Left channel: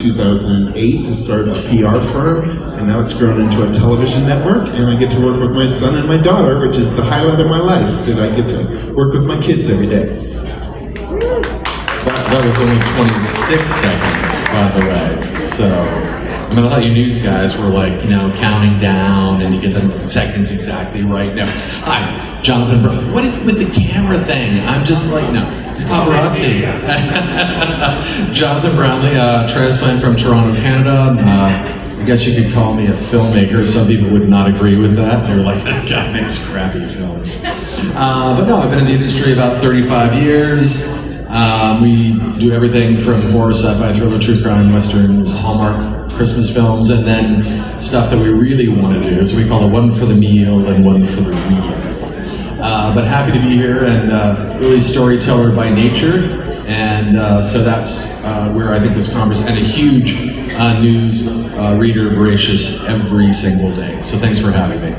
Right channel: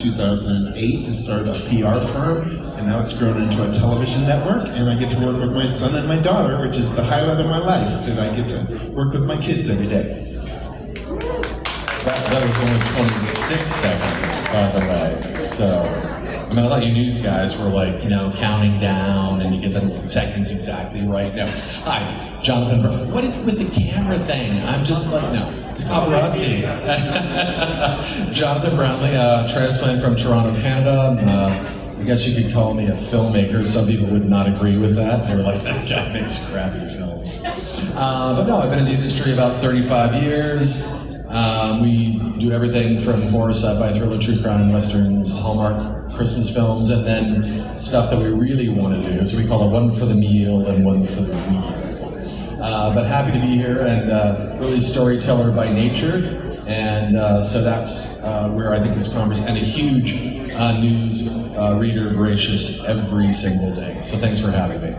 2008 to start a PR firm, and now it's grown into a television network, and I get to work with my son and my daughter, which is the highlight of my life, that I get to work with my kids every day. That was only 26 seconds, by the way. So, I mean, I thought you news guys were like, counting down, and you get the seconds exactly right. No, hi, Jonathan Brown. What is with the camera thing? I'm just like, no. It's paparazzi. Jonathan Brownlee, transplant from Toronto, Canada. I guess you could call me a filmmaker. Some people would not agree with that. They're like, that guy makes crappy films. But no, I've been in the industry about 35 years. We do everything from horror, sci-fi, thriller, true crime, westerns, Hallmark, Christmas films, and then stuff that we really want to do. So we call it one for the meal and one for the real. But happy to be here, and really storyteller by nature, and so that's where I think this conference, and a huge news reader, voracious every single day. So thanks for having me.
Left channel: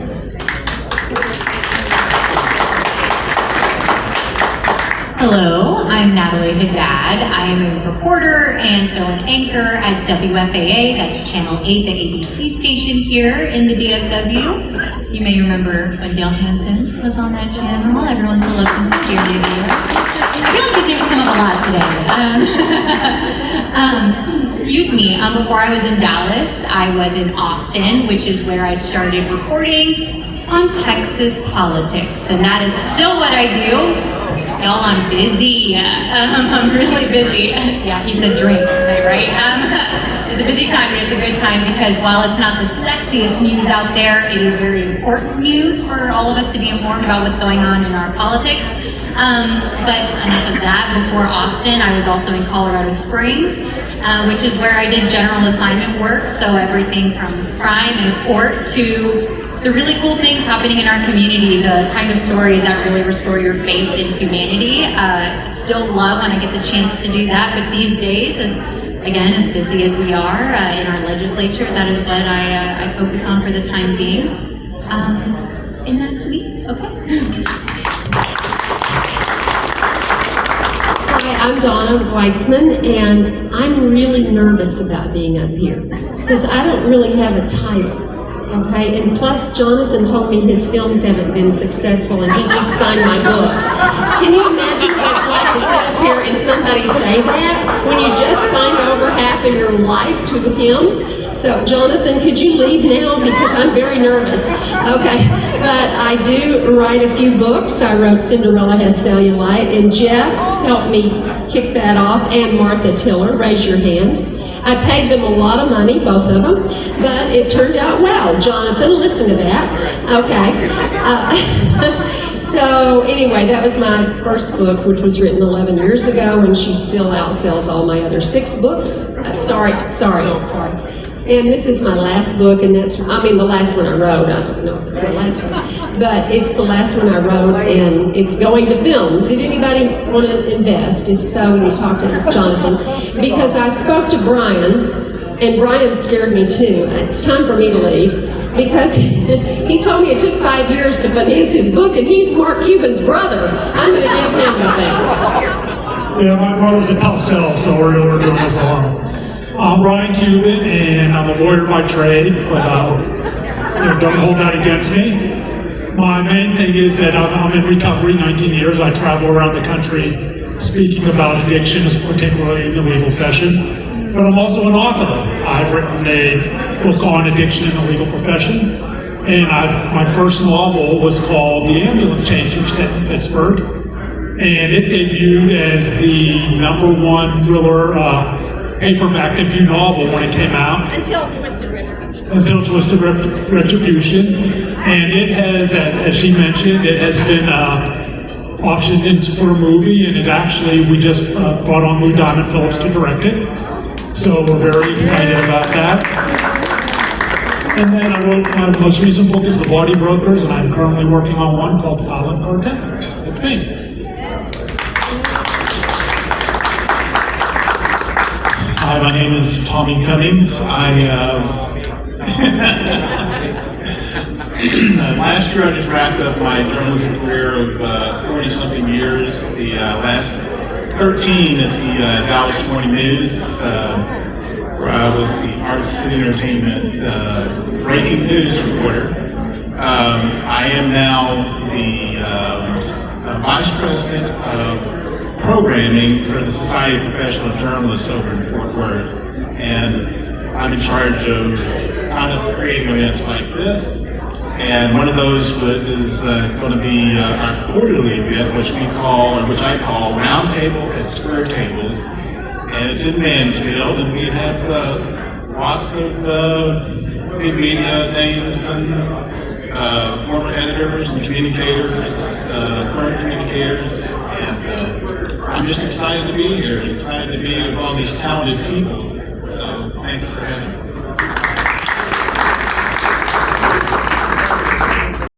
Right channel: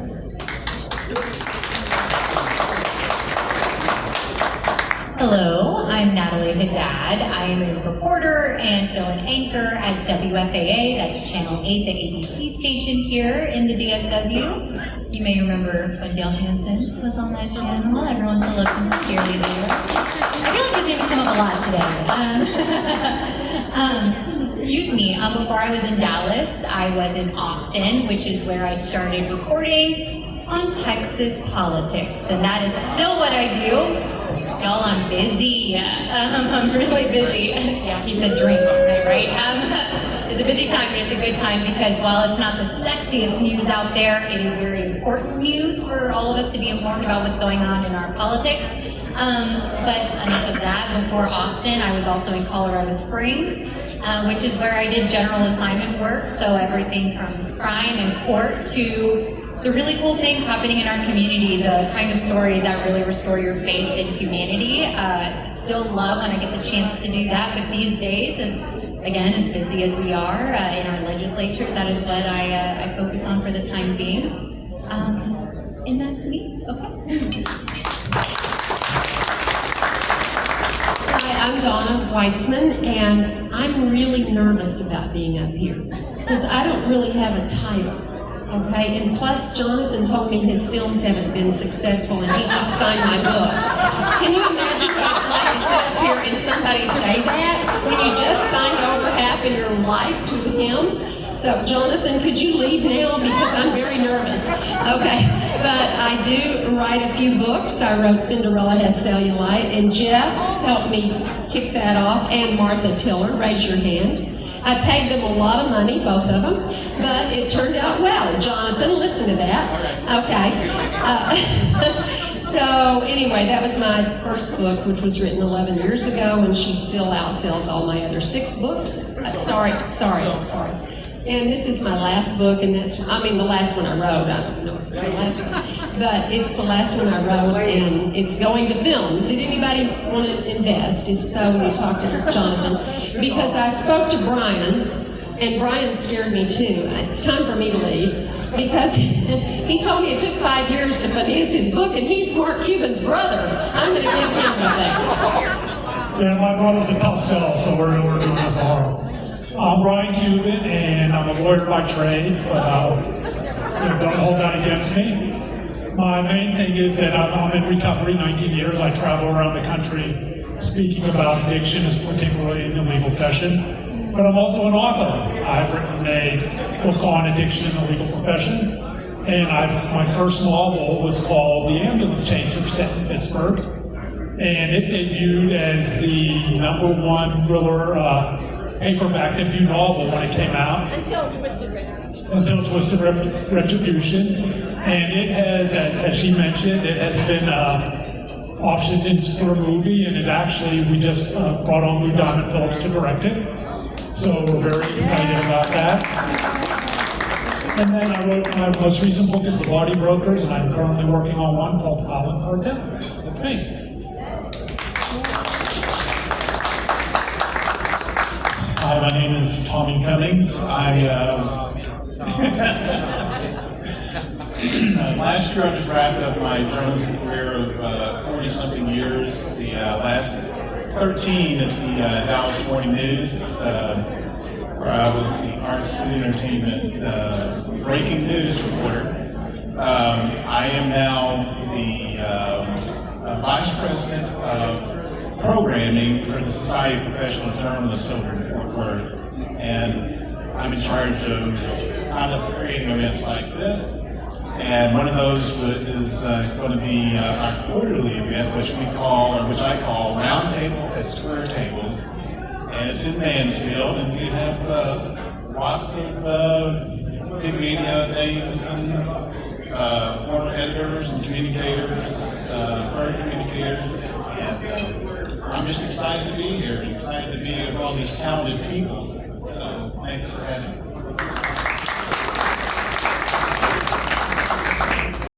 Hello, I'm Natalie Haddad. I am a reporter and fill-in anchor at WFAA, that's Channel 8, the ABC station here in the DFW. You may remember when Dale Hansen was on that channel. Everyone still loves him so dearly there. I feel like his name has come up a lot today. Excuse me, before I was in Dallas, I was in Austin, which is where I started reporting on Texas politics, and that is still what I do. Y'all, I'm busy. I'm really busy. Yeah, he said drink, okay, right? It's a busy time, and it's a good time because while it's not the sexiest news out there, it is very important news for all of us to be informed about what's going on in our politics. But enough of that. Before Austin, I was also in Colorado Springs, which is where I did general assignment work, so everything from crime and court to the really cool things happening in our community, the kind of stories that really restore your faith in humanity. Still love when I get the chance to do that, but these days, as busy as we are in our legislature, that is what I focus on for the time being. And that's me, okay? Hi, I'm Donna Weitzman, and I'm really nervous about being up here because I don't really have a title. Okay, and plus Jonathan told me his films haven't been successful and he just signed my book. Can you imagine what it's like to sit up here and somebody say that when you just signed over half of your life to him? So Jonathan, could you leave now because I'm very nervous. Okay, but I do write a few books. I wrote Cinderella Has Cellulite, and Jeff helped me kick that off, and Martha Tiller, raise your hand. I paid them a lot of money, both of them, but it turned out well. Jonathan, listen to that. Okay. So anyway, that was my first book, which was written 11 years ago, and she still outsells all my other 6 books. Sorry. And this is my last book, and the last one I wrote. I don't know if it's my last one, but it's the last one I wrote, and it's going to film. Did anybody want to invest? If so, you talk to Jonathan. Because I spoke to Brian, and Brian scared me too. It's time for me to leave, because he told me it took 5 years to finance his book, and he's Mark Cuban's brother. I'm going to give him the thing. Yeah, my brother's a tough sell, so we're doing this alone. I'm Ryan Cuban, and I'm a lawyer by trade, but don't hold that against me. My main thing is that I'm in recovery 19 years. I travel around the country speaking about addictions, particularly in the legal profession. But I'm also an author. I've written a book on addiction in the legal profession, and my first novel was called The Ambulance Chaser, set in Pittsburgh, and it debuted as the #1 thriller paperback debut novel when it came out. Until Twisted Retribution. And it has, as she mentioned, it has been optioned into for a movie, and we just brought on Lou Diamond Phillips to direct it. So we're very excited about that. And then I wrote my most recent book is The Bloody Brokers, and I'm currently working on one called Silent Quartet. It's me. Hi, my name is Tommy Cummings. Last year I just wrapped up my journalism career of 40-something years, the last 13 at the Dallas Morning News, where I and entertainment breaking news reporter. I am now the Vice President of Programming for the Society of Professional Journalists over in Fort Worth. And I'm in charge of creating events like this. And one of those is going to be our quarterly event, which I call Roundtable at Square Tables. And it's in Mansfield, and we have lots of big media names and former editors and communicators, current communicators, and I'm just excited to be here, excited to be with all these talented people. So thank you for having me.